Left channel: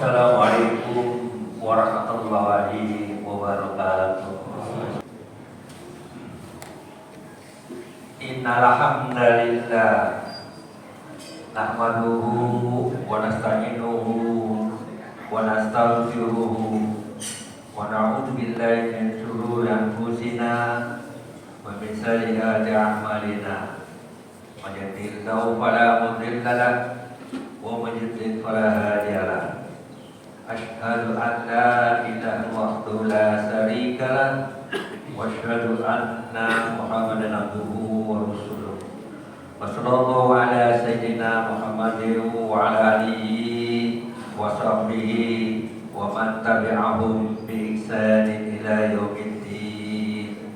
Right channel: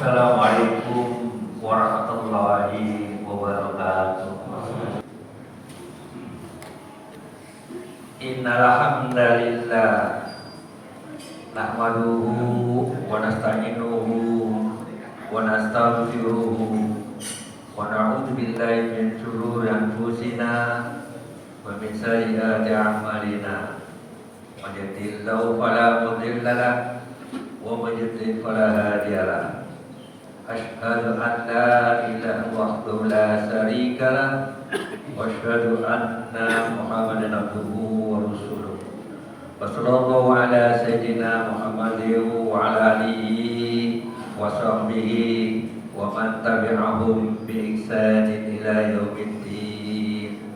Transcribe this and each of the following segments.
Assalamualaikum warahmatullahi wabarakatuh. Innal hamdalillah nahmaduhu wa nasta'inuhu wa nastaghfiruhu wa na'udzu billahi min shururi anfusina wa min sayyiati a'malina. Man yahdihillahu fala mudilla lahu wa man yudlil fala hadiya lahu. Asyhadu an la ilaha wahdahu la syarika lah wa asyhadu anna Muhammadan abduhu wa rasuluh. Wa sallallahu ala sayyidina Muhammadin wa ala alihi wa sahbihi wa man tabi'ahum bi ihsanin ila yaumiddin.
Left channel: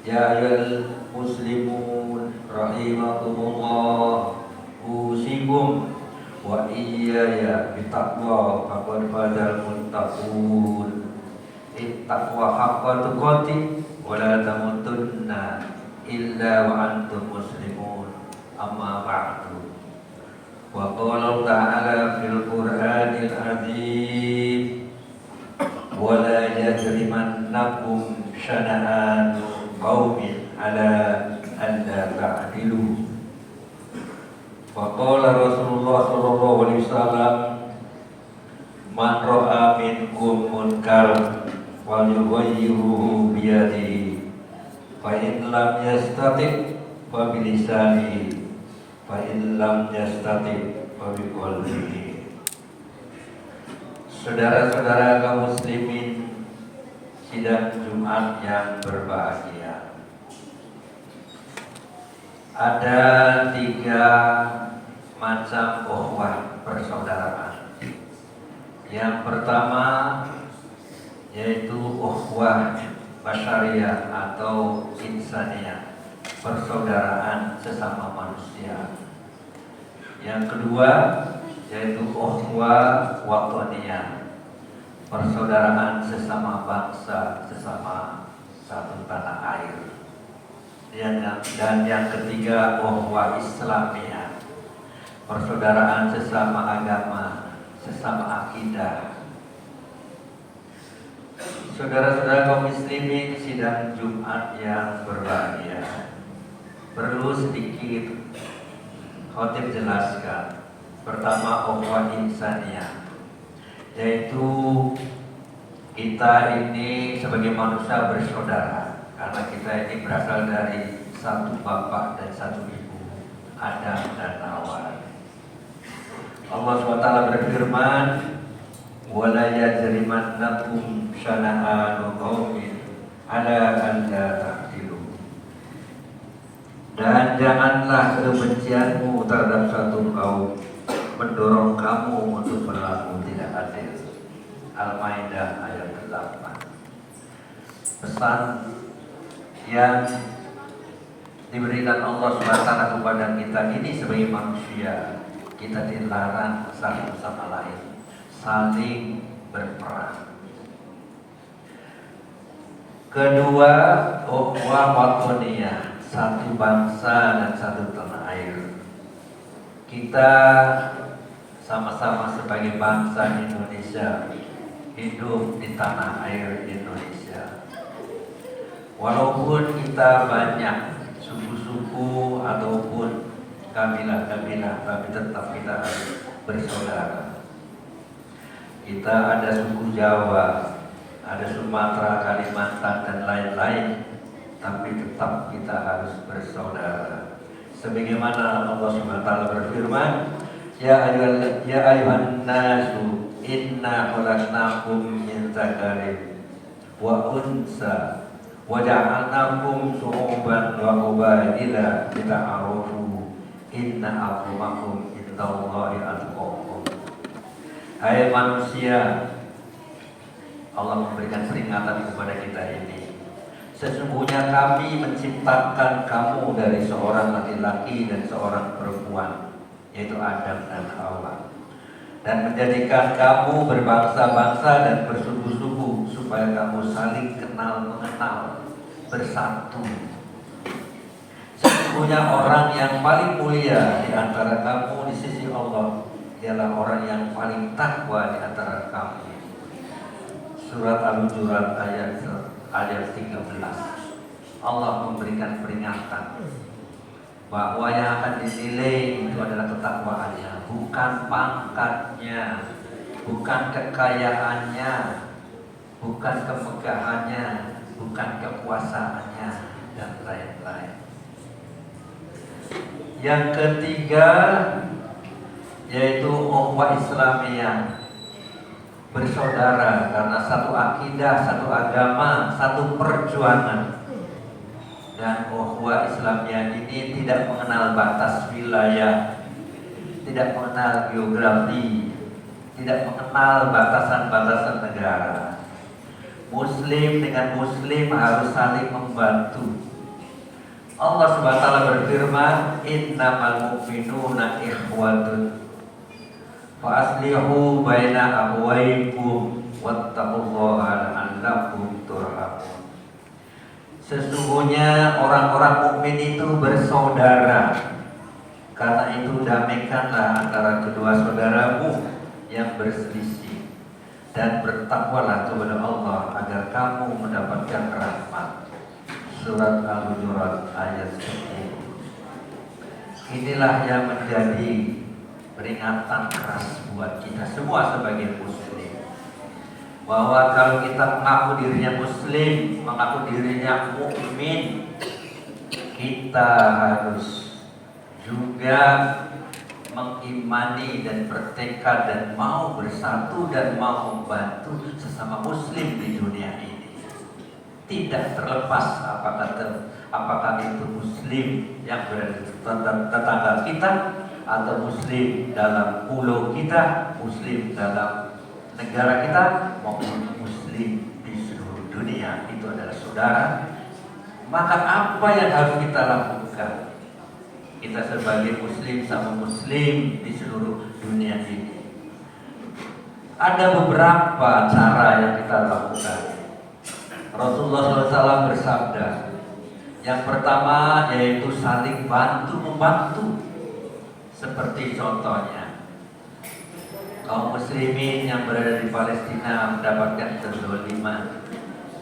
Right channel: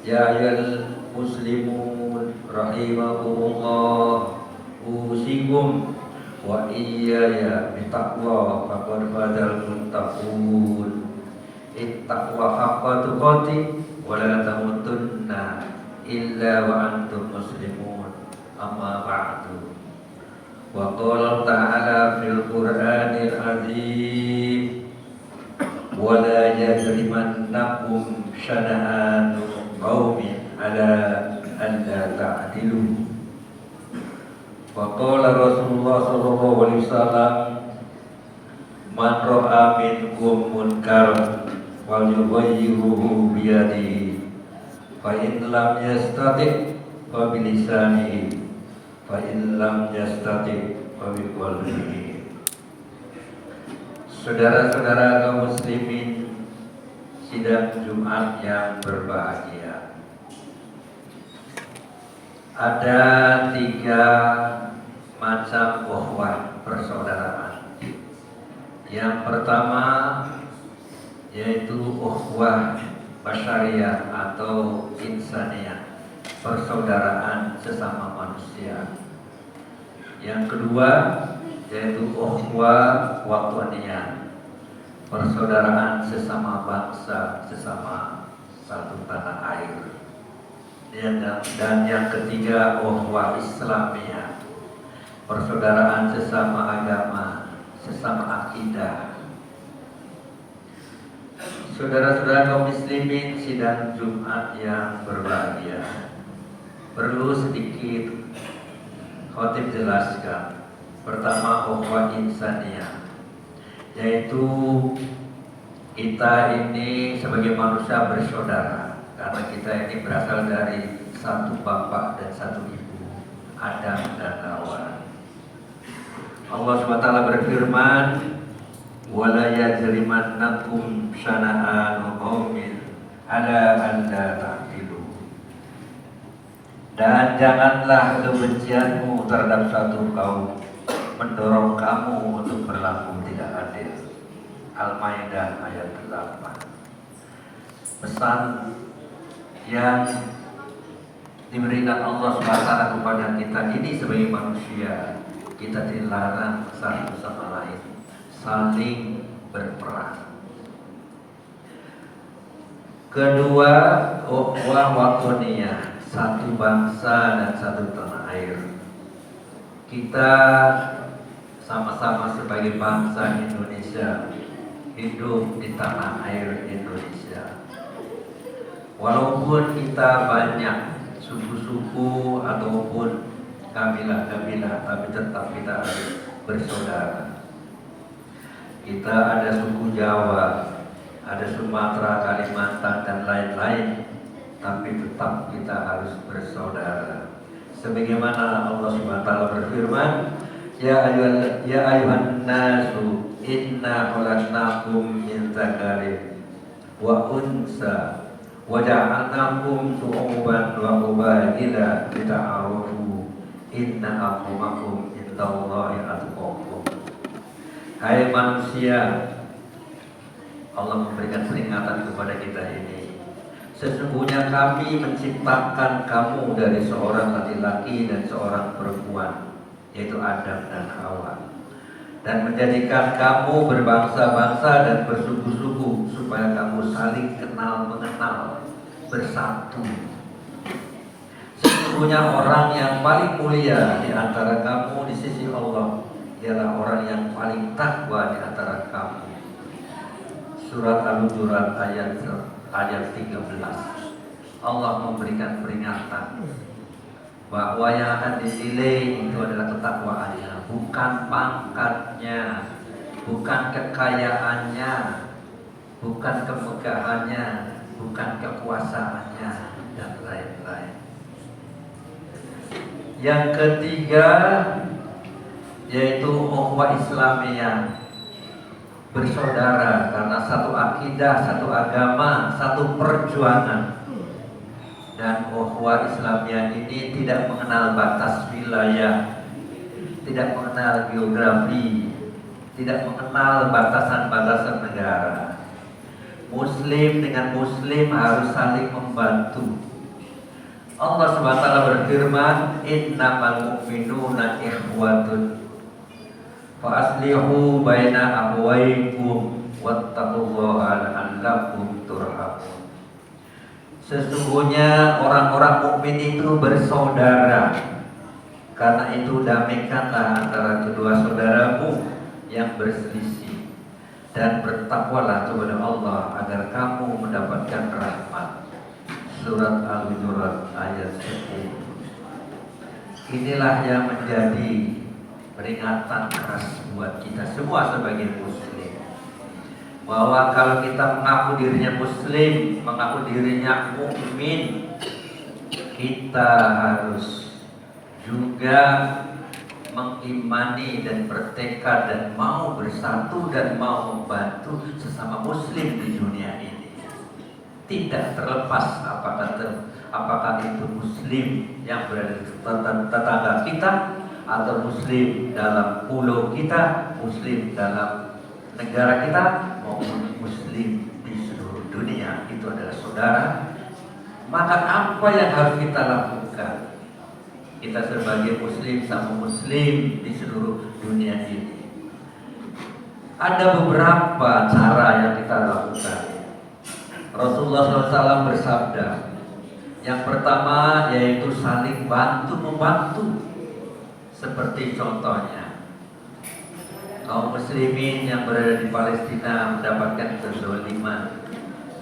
Ya ayyuhal muslimun rahimakumullah, usikum wa iyaya bittaqwa faqad fazal muttaqun. Ittaqwa haqqa tuqatih wa la tamutunna illa wa antum muslimun. Amma ba'du. Wa qala ta'ala fil Qur'anil azim, wa la yajrimannakum syana'anu qaumin ala alla ta'dilu. Wa qala Rasulullah sallallahu alaihi wasallam, man ra'a minkum munkaran wal yughayyiruhu bi yadihi, fa in lam yastati' fa bi lisanihi, fa in lam yastati' fa bi qalbihi. Saudara-saudara kaum muslimin sidang Jumat yang berbahagia, ada 3 macam ukhuwah persaudaraan. Yang pertama yaitu ukhuwah basyariah atau insaniyah, persaudaraan sesama manusia. Yang kedua yaitu ukhuwah wataniyah, persaudaraan sesama bangsa, sesama satu tanah air. Dan yang ketiga ukhuwah islamiyah, persaudaraan sesama agama, sesama akidah. Saudara-saudara kaum muslimin sidang Jumat yang berbahagia, perlu sedikit khotib jelaskan. Pertama, ukhuwah insaniyah, yaitu kita ini sebagai manusia bersaudara karena kita ini berasal dari satu bapak dan satu ibu, Adam dan Hawa. Allah SWT berfirman, wala yajrimannakum syana'anu qaumin ala alla ta'dilu. Dan janganlah kebencianmu terhadap satu kaum mendorong kamu untuk berlaku tidak adil. Al-Maidah ayat 8. Pesan yang diberikan Allah SWT kepada kita ini sebagai manusia, kita dilarang satu sama lain saling berperang. Kedua, ukhuwah wataniyah, satu bangsa dan satu tanah air. Kita sama-sama sebagai bangsa Indonesia hidup di tanah air Indonesia. Walaupun kita banyak suku-suku ataupun kabilah-kabilah, tapi tetap kita harus bersaudara. Kita ada suku Jawa, ada Sumatera, Kalimantan dan lain-lain, tapi tetap kita harus bersaudara. Sebagaimana Allah SWT berfirman, ya ayuhan nasu inna khalaqnakum min dzakarin wa unsa wa ja'alnakum syu'uban wa qabaila lita'arafu inna akramakum indallahi atqakum. Hai manusia, Allah memberikan peringatan kepada kita ini. Sesungguhnya kami menciptakan kamu dari seorang laki-laki dan seorang perempuan, yaitu Adam dan Hawa, dan menjadikan kamu berbangsa-bangsa dan bersuku-suku supaya kamu saling kenal mengenal, bersatu. Sesungguhnya orang yang paling mulia di antara kamu di sisi Allah ialah orang yang paling takwa di antara surat Al-Hujurat ayat 13. Allah memberikan peringatan bahwa yang akan dinilai itu adalah ketakwaannya, bukan pangkatnya, bukan kekayaannya, bukan kemegahannya, bukan kekuasaannya, dan lain-lain. Yang ketiga yaitu ukhuwah Islamiyah, bersaudara karena satu akidah, satu agama, satu perjuangan. Dan ukhuwah Islamiyah ini tidak mengenal batas wilayah, tidak mengenal geografi, tidak mengenal batasan-batasan negara. Muslim dengan Muslim harus saling membantu. Allah SWT berfirman, innamal mu'minuna ikhwatun fa aslihu baina akhwaykum wattaqullaha la'allakum turhamun. Sesungguhnya orang-orang mukmin itu bersaudara. Karena itu damaikanlah antara kedua saudaramu yang berselisih, dan bertakwalah kepada Allah agar kamu mendapatkan rahmat. Surat Al-Hujurat ayat 10. Inilah yang menjadi peringatan keras buat kita semua sebagai muslim, bahwa kalau kita mengaku dirinya muslim, mengaku dirinya mukmin, kita harus juga mengimani dan bertekad dan mau bersatu dan mau membantu sesama muslim di dunia ini. Tidak terlepas apakah itu muslim yang berada di tetangga kita, atau muslim dalam pulau kita, muslim dalam negara kita, maupun muslim di seluruh dunia. Itu adalah saudara. Maka apa yang harus kita lakukan? Kita sebagai muslim sama muslim di seluruh dunia ini, ada beberapa cara yang kita lakukan. Rasulullah SAW bersabda, yang pertama yaitu saling bantu-membantu. Seperti contohnya, kaum muslimin yang berada di Palestina mendapatkan kezaliman,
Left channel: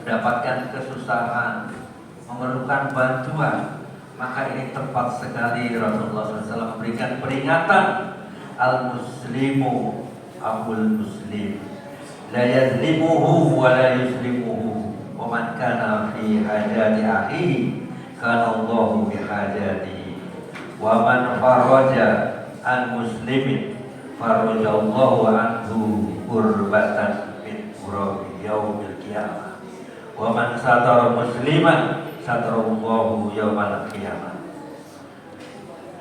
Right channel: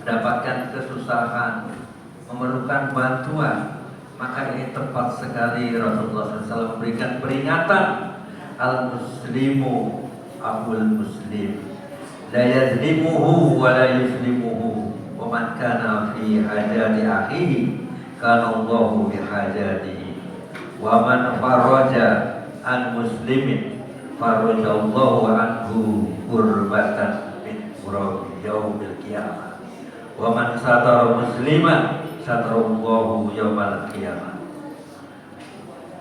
mendapatkan kesusahan, memerlukan bantuan, maka ini tepat sekali Rasulullah SAW memberikan peringatan, al-muslimu abul muslim, la yazlimuhu wa la yuslimuhu, wa man kana fi hajati akhihi kana Allahu bi hajatihi, wa man faraja an muslimin farajallahu anhu kurbatan min kurabi yaumil qiyamah, wa man satara musliman satarallahu yaumal qiyamah.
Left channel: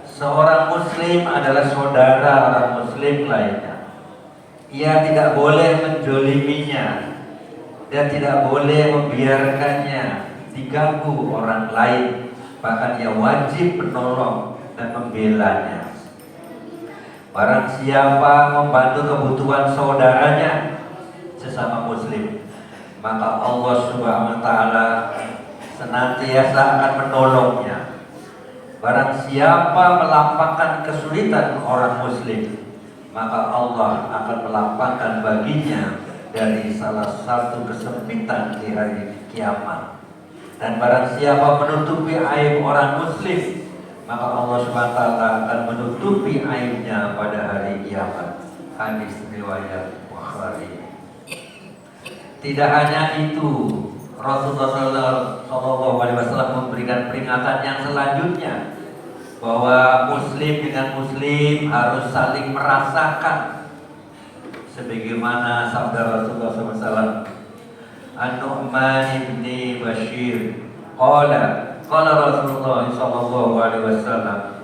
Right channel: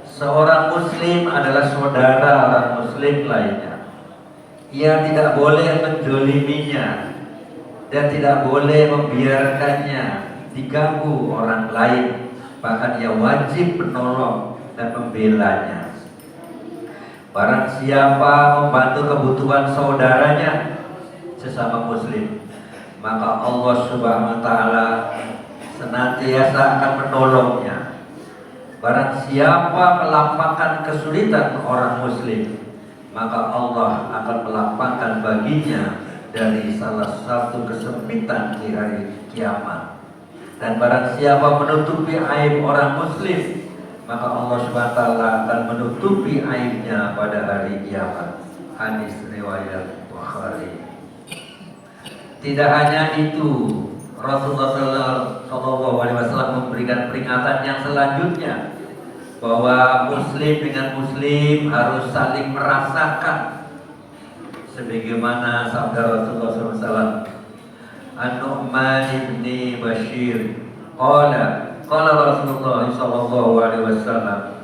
Seorang muslim adalah saudara orang muslim lainnya. Ia tidak boleh menzaliminya dan tidak boleh membiarkannya diganggu orang lain. Bahkan ia wajib menolong dan membelanya. Barang siapa membantu kebutuhan saudaranya sesama muslim, maka Allah Subhanahu wa taala senantiasa akan menolongnya. Barang siapa melapangkan kesulitan orang muslim, maka Allah akan melapangkan baginya dari salah satu kesempitan di hari kiamat. Dan barang siapa menutupi aib orang muslim, maka Allah SWT akan menutupi aibnya pada hari kiamat. Hadis riwayat Bukhari. Tidak hanya itu, Rasulullah SAW memberikan peringatan yang selanjutnya, bahwa muslim dengan muslim harus saling merasakan, sebagaimana sabda Rasulullah SAW, An-Nu'man ibni Bashir qala Rasulullah SAW,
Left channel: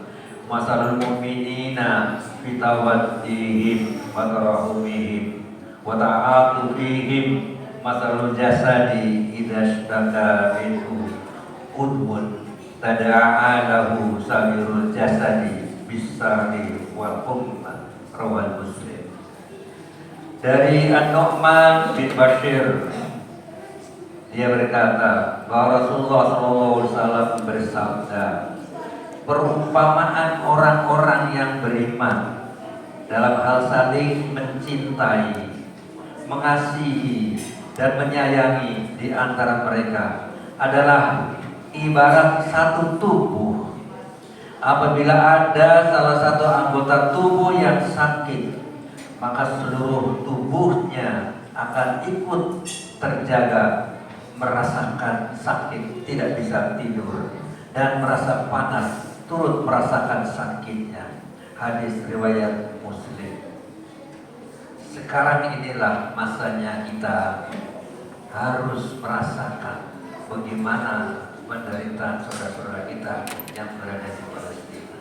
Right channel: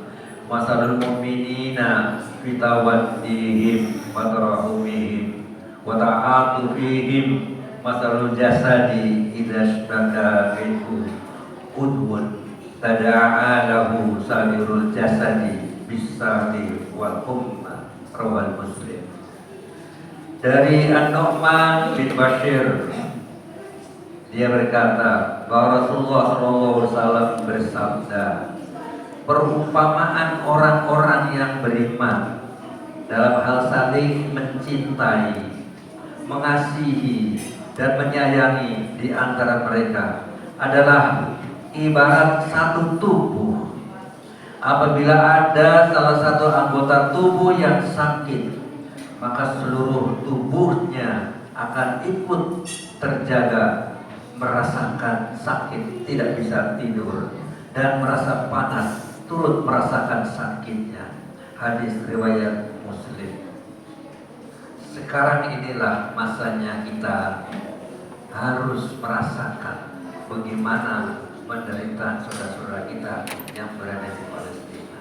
masalul mu'minina fi tawaddihim wa tarahumihim wa ta'atufihim masalul jasadi idza ishtaka minhu udwun tada'a lahu sairul jasadi bisari wal humma, rawal Muslim. Dari An-Nu'man bin Bashir, dia berkata bahwa Rasulullah SAW bersabda, perumpamaan orang-orang yang beriman dalam hal saling mencintai, mengasihi, dan menyayangi di antara mereka adalah ibarat satu tubuh. Apabila ada salah satu anggota tubuh yang sakit, maka seluruh tubuhnya akan ikut terjaga, merasakan sakit, tidak bisa tidur, dan merasa panas, turut merasakan sakitnya. Hadis riwayat Muslim. Sekarang inilah masanya kita harus merasakan bagaimana penderitaan saudara-saudara kita yang berada di Palestina.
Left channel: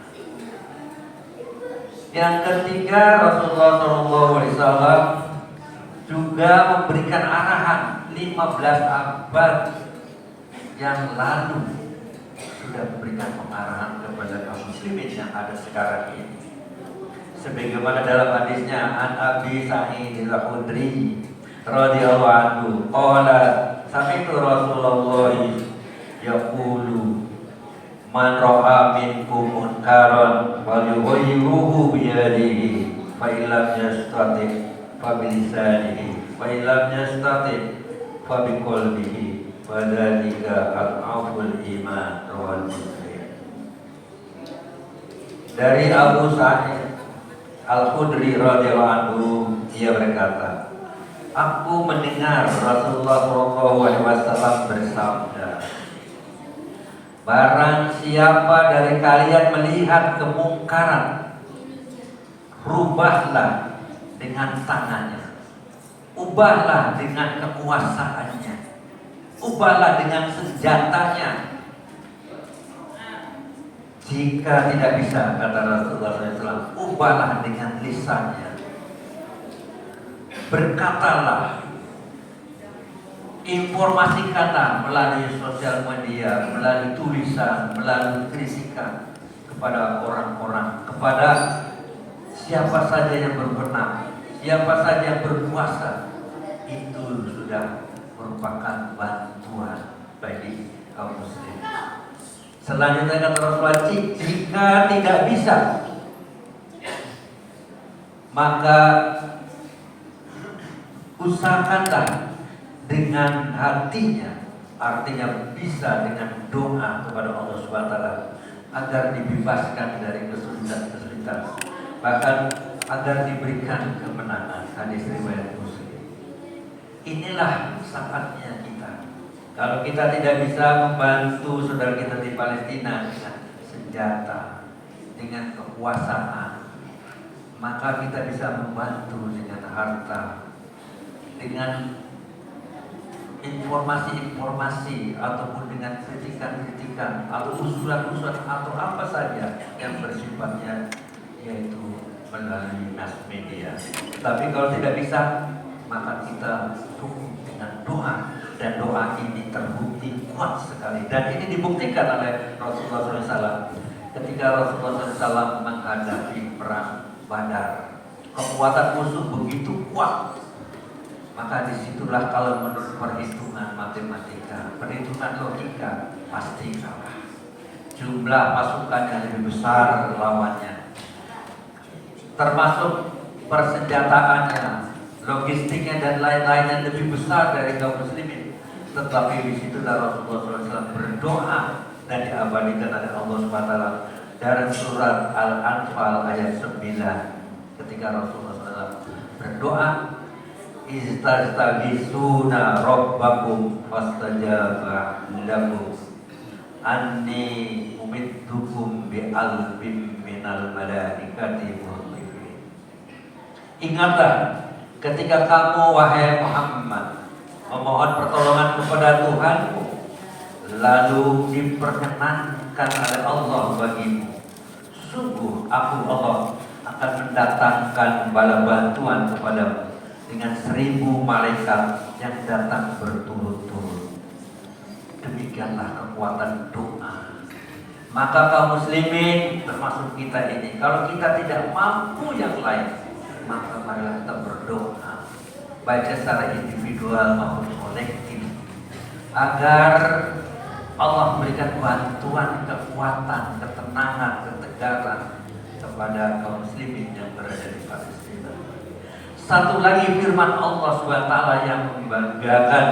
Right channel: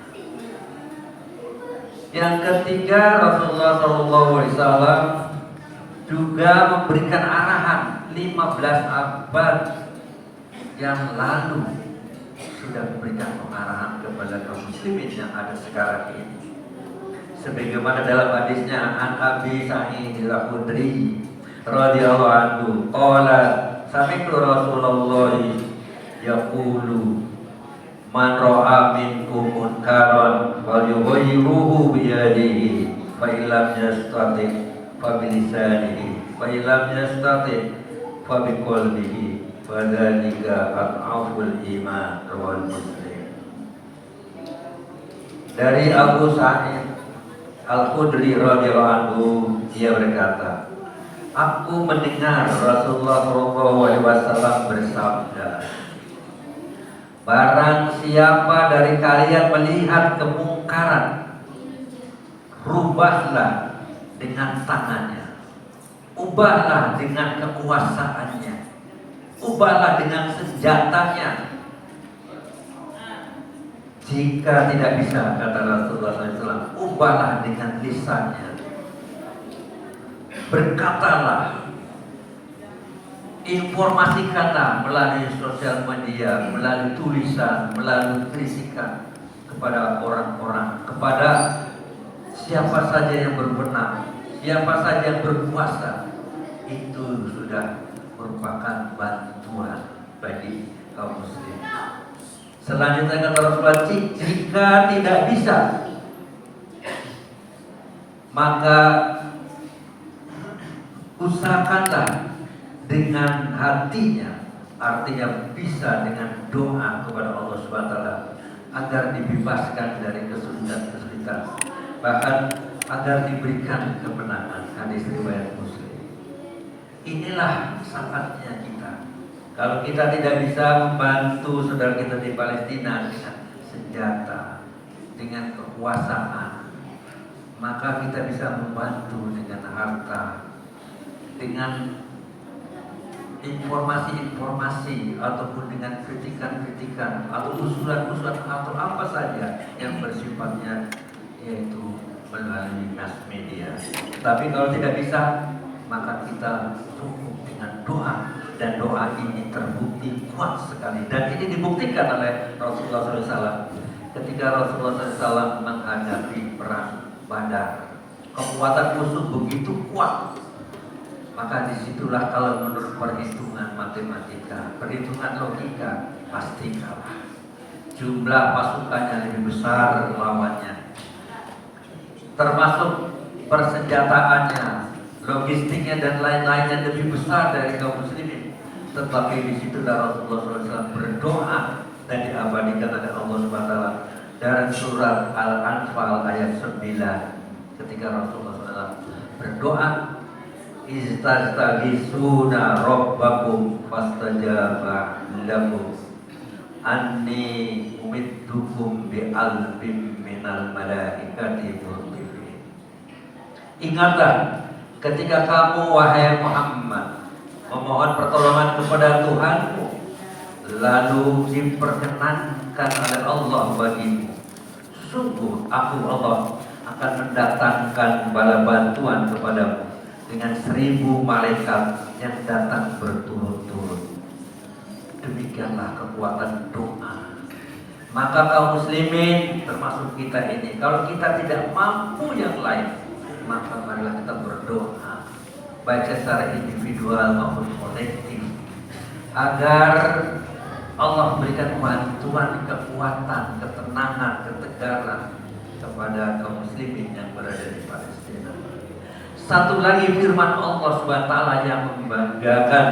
Yang ketiga, Rasulullah SAW juga memberikan arahan 15 abad yang lalu sudah memberikan pengarahan kepada kaum muslimin yang ada sekarang ini. Sebagaimana dalam hadisnya An Abi Sa'id Al-Khudri radhiyallahu anhu qala sami'tu Rasulullah yaqulu man ra'a minkum munkaran wal yughayyiruhu bi yadihi fa illam yastati fa bi lisanihi fa illam yastati fa bi qalbihi fa dzalika al-'afwul iman rawal Muslim. Dari Abu Sa'id Al-Khudri radhiyallahu anhu, dia berkata, aku mendengar Rasulullah SAW bersabda, barang siapa dari kalian melihat kemungkaran, rubahlah dengan tangannya, ubahlah dengan kekuasaannya, ubahlah dengan senjatanya. Jika tidak bisa, kata Rasulullah SAW, ubahlah dengan lisannya. Berkatalah, informasikanlah melalui sosial media, melalui tulisan, melalui kritikan kepada orang-orang, kepada siapa saja yang berwenang, siapa saja yang berkuasa. Itu sudah merupakan bantuan bagi kaum muslim. Selanjutnya kata Rasulullah, jika tidak bisa, maka usahakanlah dengan hatinya, artinya bisa dengan doa kepada Allah SWT agar dibebaskan dari kesulitan-kesulitan, bahkan agar diberikan kemenangan. Hadis riwayat Muslim. Inilah saatnya kita. Kalau kita tidak bisa membantu saudara kita di Palestina dengan senjata, dengan kekuasaan, maka kita bisa membantu dengan harta, dengan informasi-informasi, ataupun dengan kritikan-kritikan atau usulan-usulan atau apa saja yang bersifatnya yaitu melalui mass media. Tapi kalau tidak bisa, maka kita cukup dengan doa. Dan doa ini terbukti kuat sekali. Dan ini dibuktikan oleh Rasulullah SAW ketika Rasulullah SAW menghadapi perang Badar. Kekuatan musuh begitu kuat, maka disitulah kalau menurut perhitungan matematika, perhitungan logika, pasti kalah. Jumlah pasukannya lebih besar lawannya, termasuk persenjataannya, logistiknya dan lain-lainnya lebih besar dari kaum muslimin. Tetapi disitulah Rasulullah SAW berdoa dan diabadikan oleh Allah SWT dalam surat Al-Anfal ayat 9, ketika Rasulullah SAW berdoa, istaghisuna rabbakum fastajaba lakum anni umiddukum bi alfin minal malaikati murdifin. Ingatlah ketika kamu wahai Muhammad memohon pertolongan kepada Tuhanmu, lalu diperkenankan oleh Allah bagimu, sungguh aku Allah akan mendatangkan bala bantuan kepadamu dengan 1000 malaikat yang datang berturut-turut. Demikianlah kekuatan doa. Maka kaum muslimin termasuk kita ini, kalau kita tidak mampu yang lain, maka marilah kita berdoa, baik secara individual maupun kolektif, agar Allah memberikan bantuan, kekuatan, ketenangan, ketegaran kepada kaum muslimin yang berada di Palestina. Satu lagi firman Allah SWT yang membanggakan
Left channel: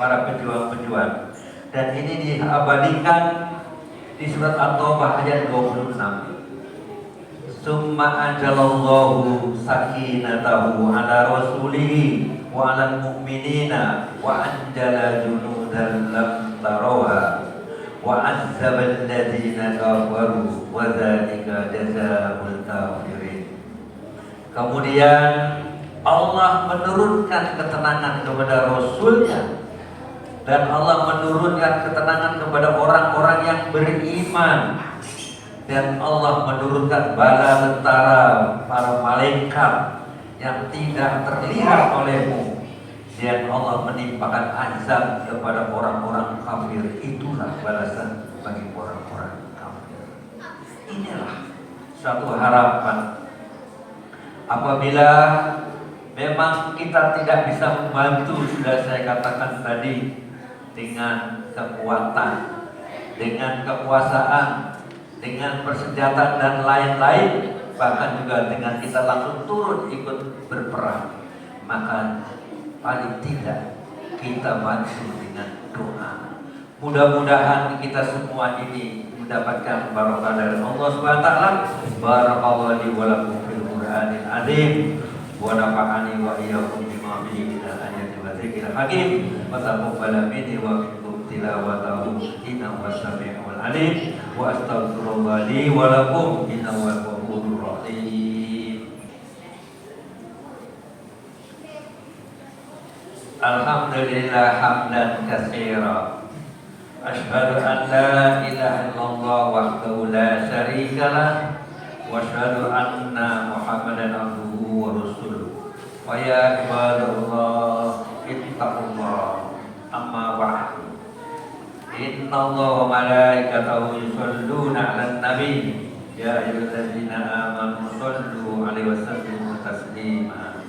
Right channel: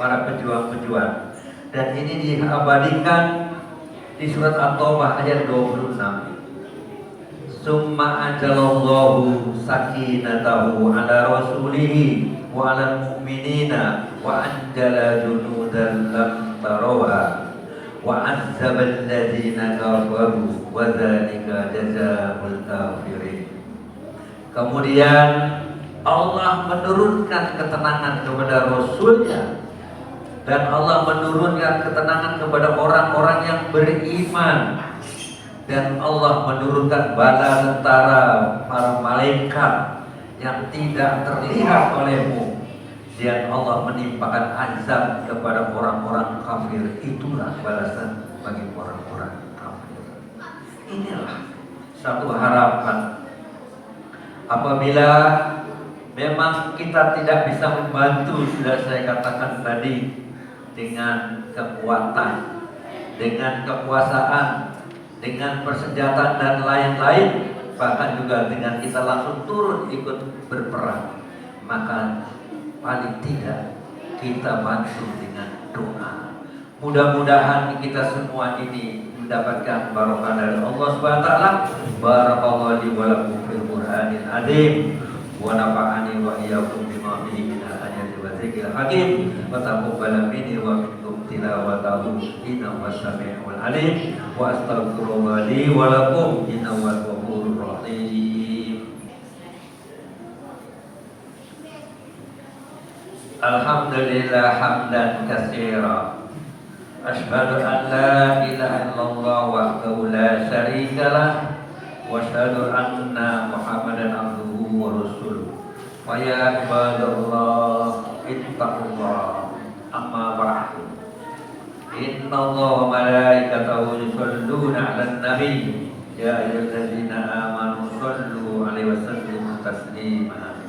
para pejuang-pejuang, dan ini diabadikan di surat At-Taubah ayat 26. Summa anjalallahu sakinatahu ala rasulihi wa ala mu'minina wa anjala junudan lam tarawha wa azzabal ladzina kafaru wa dzalika jazaa'ul kafirin. Kemudian Allah menurunkan ketenangan kepada Rasulnya, dan Allah menurunkan ketenangan kepada orang-orang yang beriman, dan Allah menurunkan bala tentara para malaikat yang tidak terlihat olehmu, dan Allah menimpakan azab kepada orang-orang kafir. Itulah balasan bagi orang-orang kafir. Inilah satu harapan apabila memang kita tidak bisa membantu, sudah saya katakan tadi, dengan kekuatan, dengan kekuasaan, dengan persenjataan dan lain-lain, bahkan juga dengan kita langsung turun ikut berperang, maka paling tidak kita bantu dengan doa. Mudah-mudahan kita semua ini mendapatkan barokah dari Allah SWT. Barakallahu li wa lakum fil Qur'anil azim wa nafa'ani wa iyyakum bima fihi min al-ayati wa dzikril hakim wa taqabbal minni wa minkum tilawatahu innahu was-sami'ul alim wa astaghfirullah li wa lakum innahu huwal ghafurur rahim. Alhamdulillah hamdan katsira. Asyhadu an la ilaha illallah wahdahu la syarika lah wa asyhadu anna Muhammadan abduhu wa rasuluh. Wa ya ibadallah ittaqullah. Amma ba'du. Innallaha wa malaikatahu yusholluna 'alan nabi ya ayyuhallazina amanu shollu 'alaihi wa sallimu taslima.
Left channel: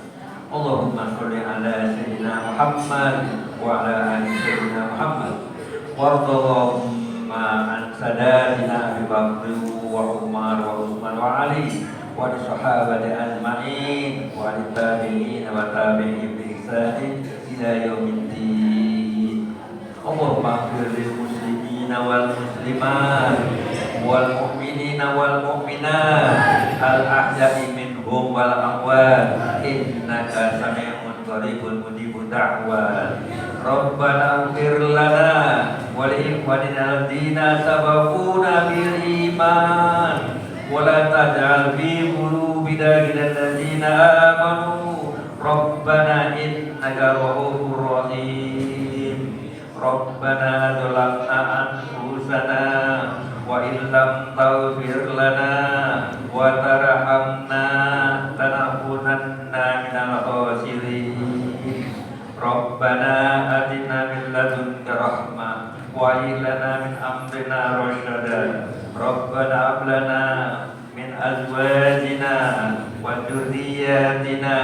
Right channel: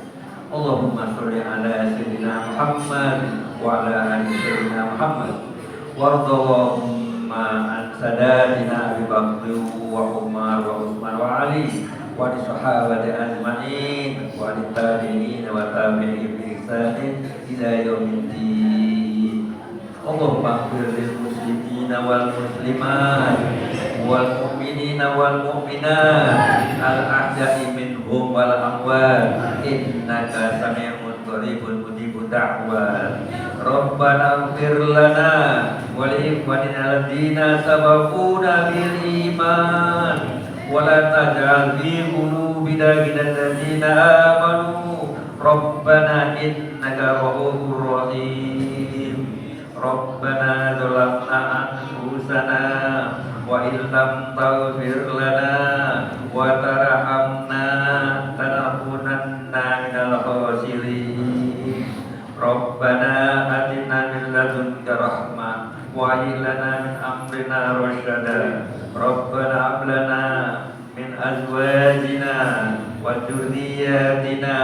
Allahumma sholli 'ala sayyidina Muhammad wa 'ala ali sayyidina Muhammad. Wardallahumma an sadatina Abi Bakr wa Umar wa Utsman wa Ali wa sahabati ajma'in wa tabi'in wa tabi'in bi ihsan ila yaumiddin. Allahumma ighfir lil muslimina wal muslimat wal mu'minina wal mu'minat al ahya'i minhum wal amwat innaka sami'un qaribun mujibud da'wat. Rabbana ighfir lana wa li ikhwanina alladziina sabaquna bil iman wa la taj'al fi qulubina ghillan alladziina amanu Rabbana innaka ra'ufur rahim. Rabbana zalamna anfusana wa in lam taghfir lana wa tarhamna lanakunanna minal khasirin. Rabbana atina min ladunka rahmah wa hab lana min amrina rasyada. Rabbana hab lana min azwajina wa dhurriyyatina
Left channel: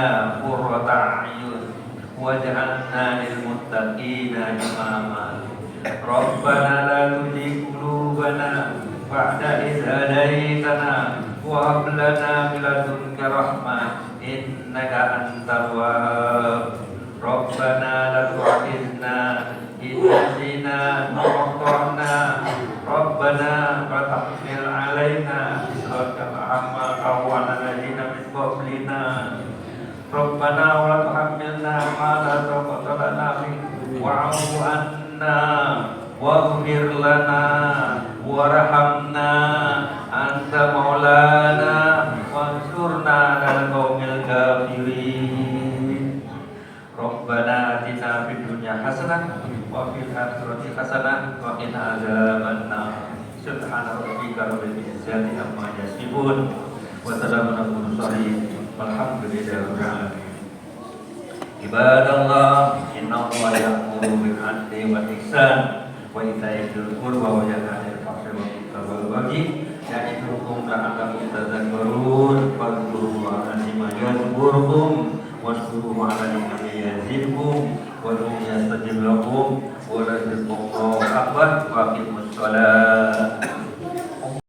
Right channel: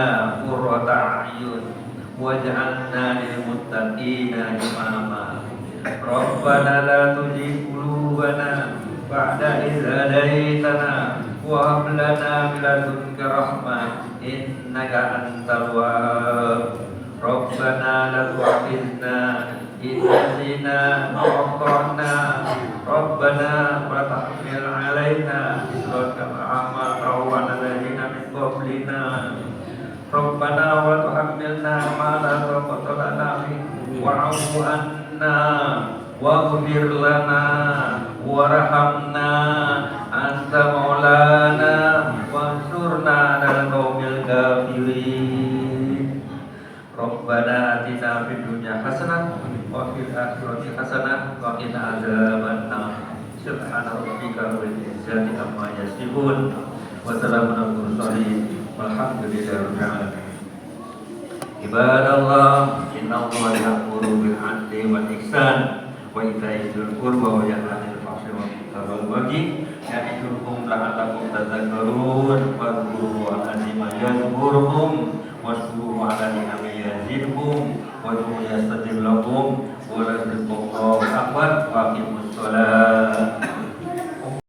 qurrata a'yun waj'alna lil muttaqina imama. Rabbana la tuzigh qulubana ba'da idh hadaytana wa hab lana min ladunka rahmah innaka antal wahhab. Rabbana la tu'akhidhna in nasina aw akhtana. Rabbana wa tahmil 'alaina isran kama hamaltahu 'ala alladziina min qablina. Rabbana wa la tuhammilna ma la taqata lana bihi wa'fu 'anna waghfir lana warhamna anta maulana wansurna 'alal qaumil kafirin. Rabbana atina fid dunya hasanah wa fil akhirati hasanah wa qina adzabannar. Subhana rabbika rabbil izzati amma yasifun wa salamun alal mursalin walhamdulillahi rabbil alamin. Ibadallah, innallaha ya'muru bil 'adli wal ihsan wa ita'i dzil qurba wa yanha 'anil fahsya'i wal munkari wal baghi ya'idukum la'allakum tadhakkarun. Fadhkurullaha 'azima yadhkurukum washkuruhu 'ala ni'amihi yazidkum wa yastajib lakum